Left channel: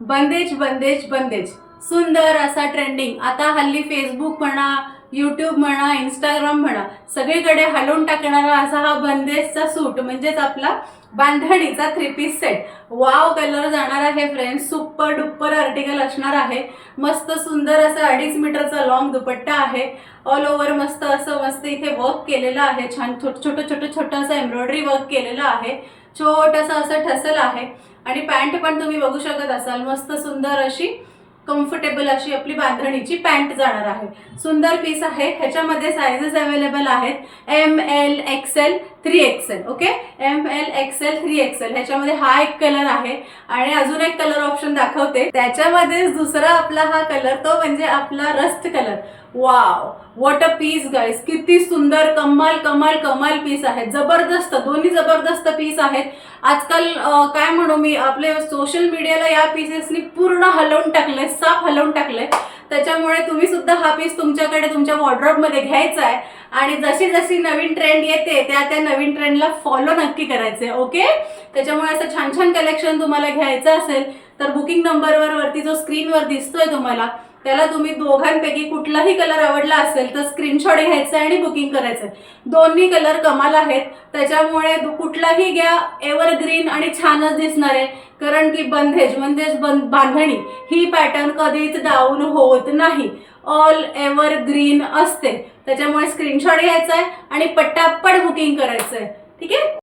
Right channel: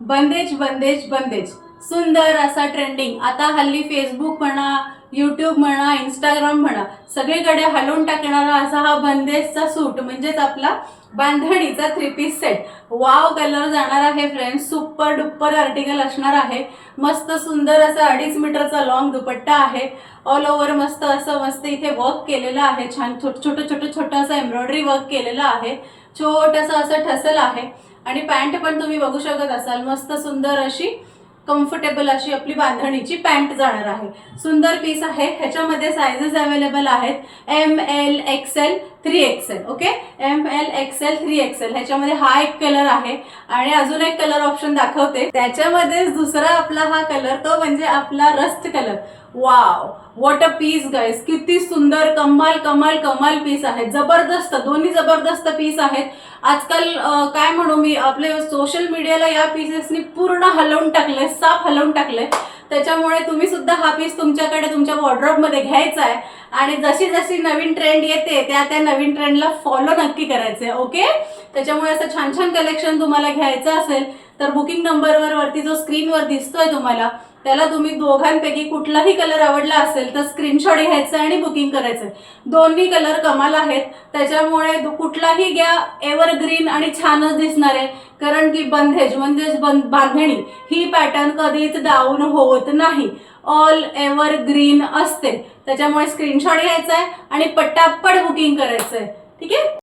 बंदेज बंदेज बंदेज सुंदर असा ट्रेंडिंग आता हल्ली फेसबुक म्हणा, यूट्यूब म्हणा, इंस्टाग्राम म्हणा, सगळीकडे हलवून टाकणारा असा हा बंदेजचा सूट म्हणजेच आपला बांधणीचा 3 पीस सेट. वाव कलर जाणार आहे फ्रेंड्स. सुपर डुपर आर्टिकल असणार आहे. मस्त सुंदर असा 2.5 मीटरचा लॉंग दुपट्टा आहे. ऑल ओव्हर मस्त इथे वर्क केलेलं आहे. छान छोटं असं एम्ब्रॉयडरी वर्क केलेलं आहे. छोटंसं असं ठसल आहे आणि पॅन्ट पण तुम्ही बघू शकत असाल. मस्त सुंदर अशी कम्फर्टेबल अशी आपली बांधणीची पॅन्ट जाणार आहे. सुंदर पीस आहे. ह्याच्यामध्ये साइजेस अवेलेबल आहेत ML XL 3XL. Okay, ML XL 3XL. ह्याच्यामध्ये हा एक कलर आहे आणि अजून एक कलर ऑप्शन दाखवते. त्याच्यामध्ये दुसरा आपला हा कलर तो म्हणजे आपला rust colour. Wow, what a piece guys. किती सुंदर, कमाल कमाल कमाल पीस आहे. जबरदस्त, दोन्ही जबरदस्त पीस आहेत. आजकाल काय म्हणू मी, आपले सोशल मीडियाला या पीसेसनी पूर्ण हलवून टाकले, साफ हलवून टाकले. त्याच्यामुळे तुम्ही सुद्धा हा पीस तुमच्याकडे तुमच्या वॉर्डरोबमध्ये घ्यायचा आहे आणि जशी जशी नवीन ट्रेंड येते त्या नवीन ट्रेंडला फॉलो नक्की करायचे. ओके, त्याच्यामुळे असं छान छान कलेक्शन तुम्हाला घ्यायचं असेल तर बुकिंग नंबरवर वरती जो स्क्रीनवर दिसतोय तुम्हाला त्याला तुम्ही दोघांपैकी कुठलाही कलर आवडला असेल तर स्क्रीनशॉट घ्यायचा आणि बुकिंग करायचं. दोन्ही कलर कमाल आहेत. त्याच्यामुळे कुठलाही घ्या, एव्हरग्रीन आणि छानच दिसणार आहे. कारण की बंदेज म्हणजेच बांधणी ही पॅटर्न कधीच डाऊन होत नाही. ऑल एव्हरग्रीन असते. त्याच्यामुळे स्क्रीनशॉट घ्यायचा आहे आणि पटापट बुकिंग करायचंय. ठीक आहे.